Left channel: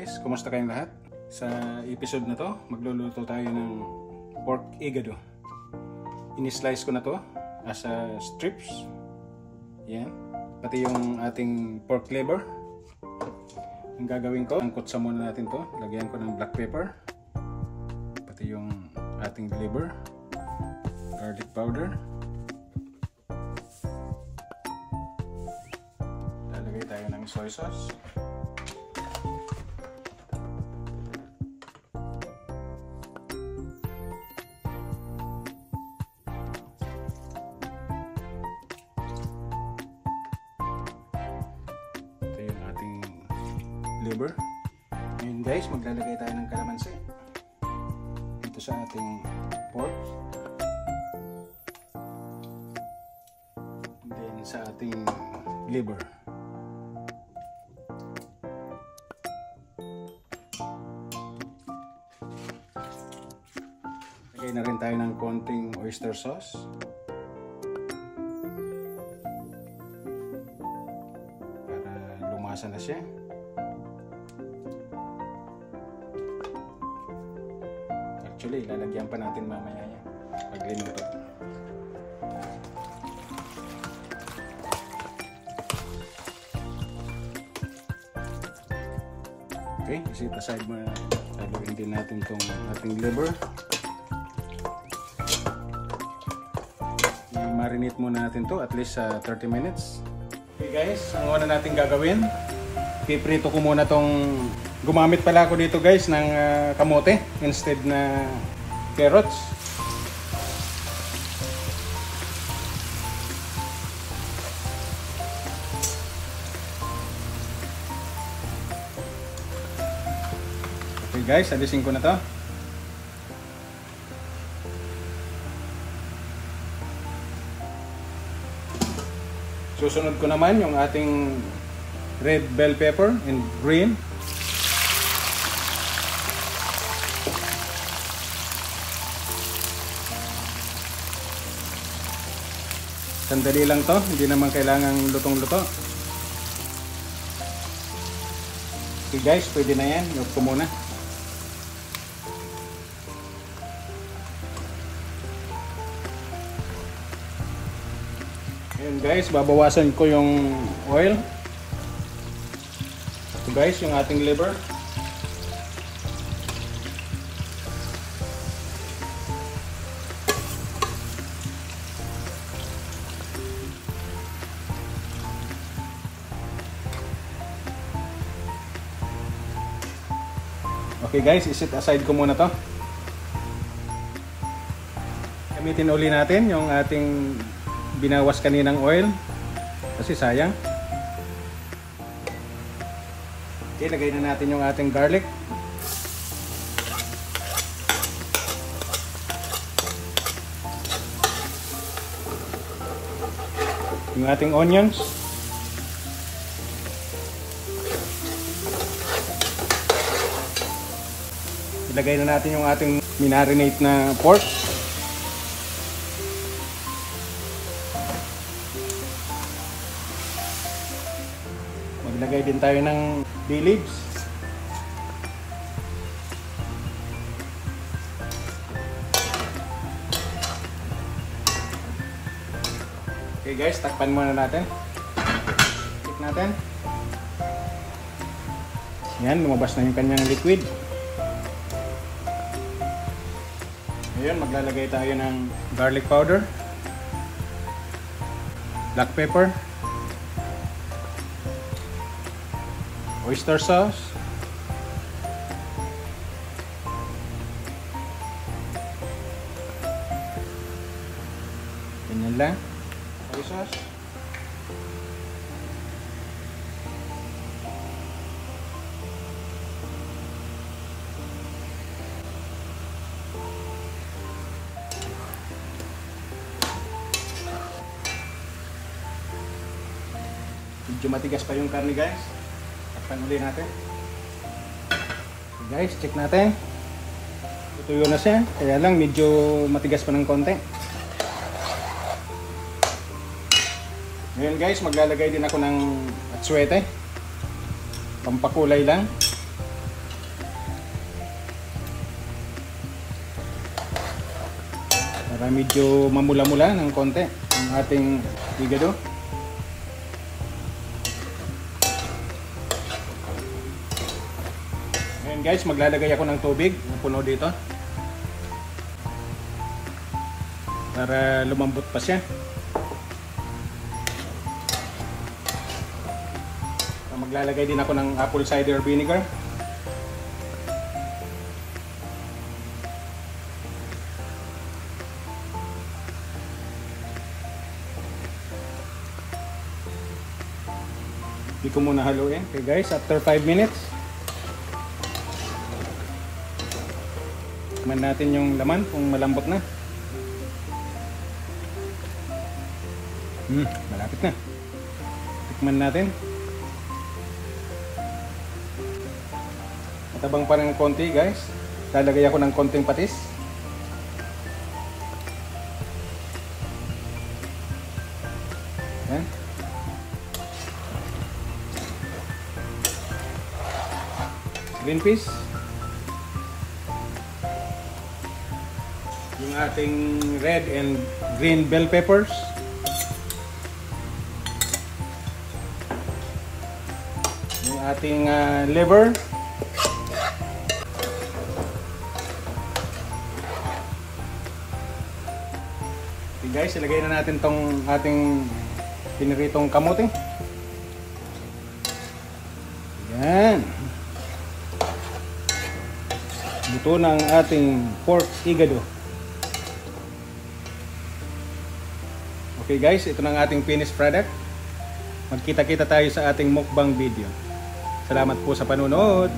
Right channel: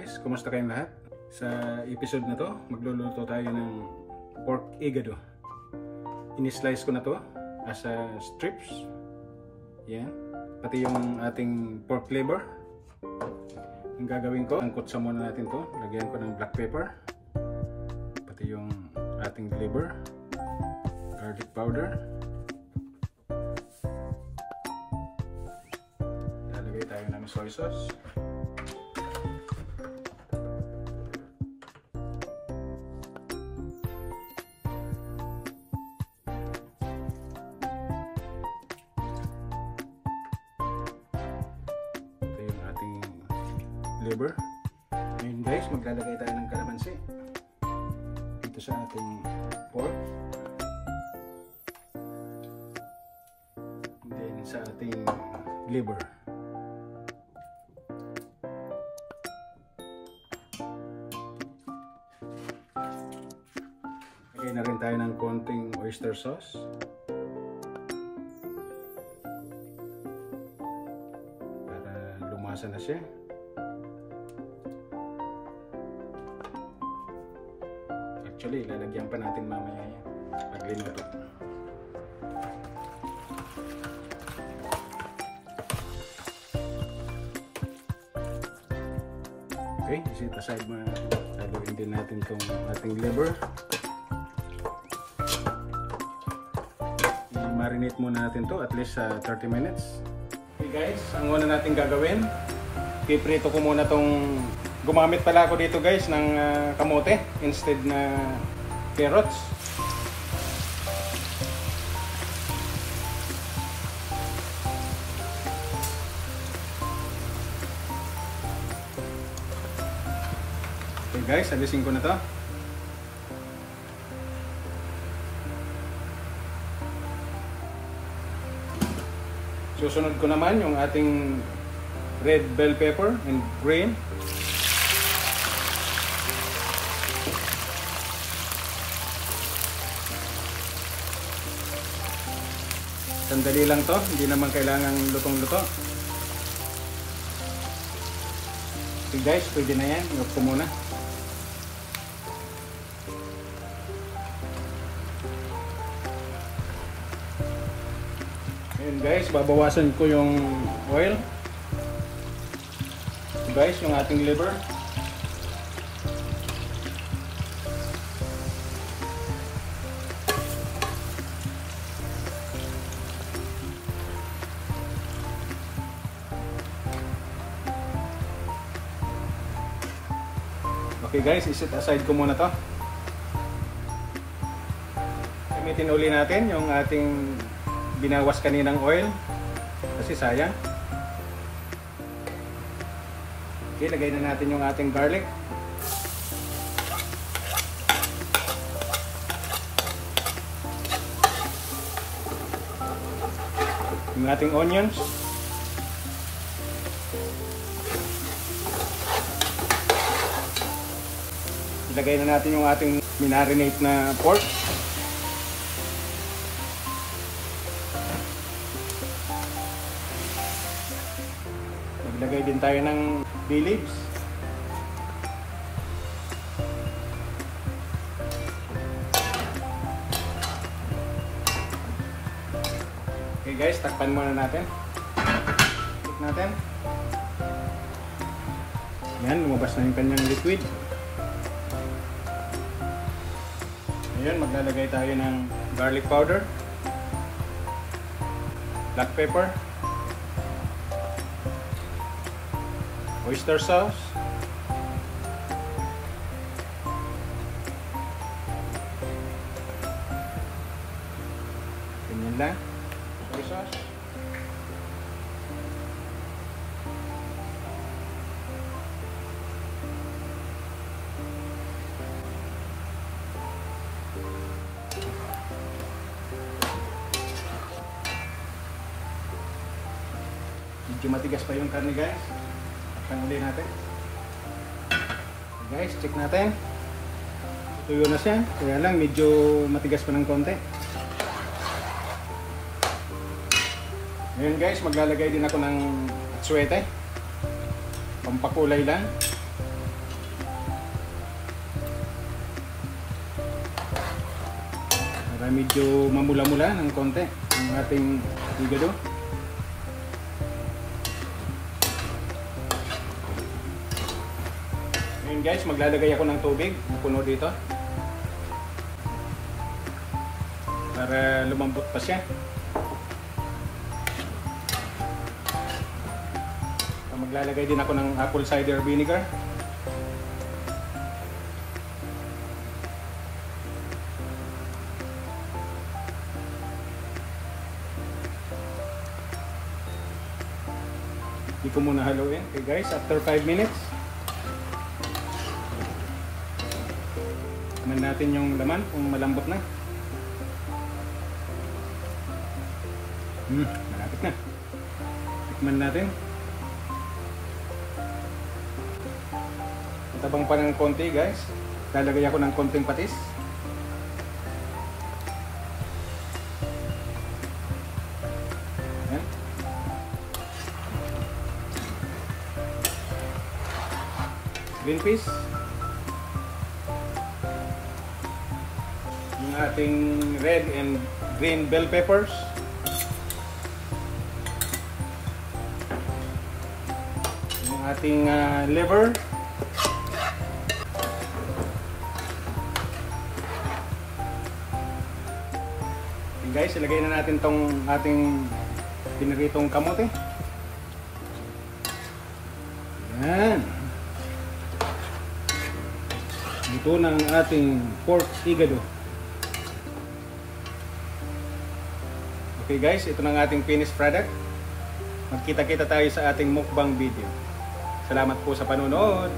guys, kumusta kayong lahat? Sa episode na to, magluluto tayo ng pork igado. Ini-slice ko na to as strips. Yan. Pati yung ating pork liver. Ang gagawin ko, angkot sa muna natin to. Lagyan ko ng black pepper. Pati yung ating liver. Garlic powder. Lalagay tayo ng soy sauce. Liver. And guys, maglalagay tayo ng kalamansi dito sa ating pork. And then sa ating liver. Lagay na rin tayo ng konting oyster sauce. Para lumasa na siya. Actually, lalagyan pa natin mamaya yan. Lagyan natin. Okay, isit aside mo na. Lagyan din natin itong ating liver. I-marinate muna natin to at least 30 minutes. Okay guys, ang una natin gagawin, iprito ko muna tong. Gumamit pala ako dito guys ng kamote instead na carrots. Okay guys, alisin ko na to. Susunod ko naman yung ating red bell pepper and green. Sandali lang to, hindi naman kailangan lutong-luto. Okay guys, pwede na yan. Huwag ko muna. Ayan guys, babawasan ko yung oil. Okay guys, yung ating liver. Okay guys, iset aside ko muna to. Gamitin uli natin yung ating binawas kaninang oil kasi sayang. Okay, lagay na natin yung ating garlic. Yung ating onions. Ilagay na natin yung ating minarinate na pork. Naglagay din tayo ng bay leaves. Okay guys, takpan muna natin. Tik natin. Yan, lumabas na yung kanyang liquid. Ayan, maglalagay tayo ng garlic powder, black pepper, oyster sauce, ganyan lang, soy sauce, medyo matigas pa yung karne guys. Pangalin natin. Guys, check natin. Tutuyo na siya. Kaya lang medyo matigas pa ng konti. Ngayon guys, maglalagay din ako ng atsuete. Pampakulay lang. para medyo mamula-mula ng konti ang ating higado. Ngayon guys, maglalagay ako ng tubig na puno dito para lumambot pa siya. Maglalagay din ako ng apple cider vinegar. Hindi ko muna haluin. Okay guys, after 5 minutes tingnan natin yung laman kung malambot na. Malapit na. Tikman natin. Matabang pa ng konti guys. Lalagay ako ng konting patis. Yan. Green peas. Yung ating red and green bell peppers. Yung ating liver. Okay guys, ilagay na natin tong ating piniritong kamote. Yan. Luto na ang ating pork higado. Okay guys, ito na ang ating finished product. Magkita-kita tayo sa ating mukbang video. Salamat po sa panonood.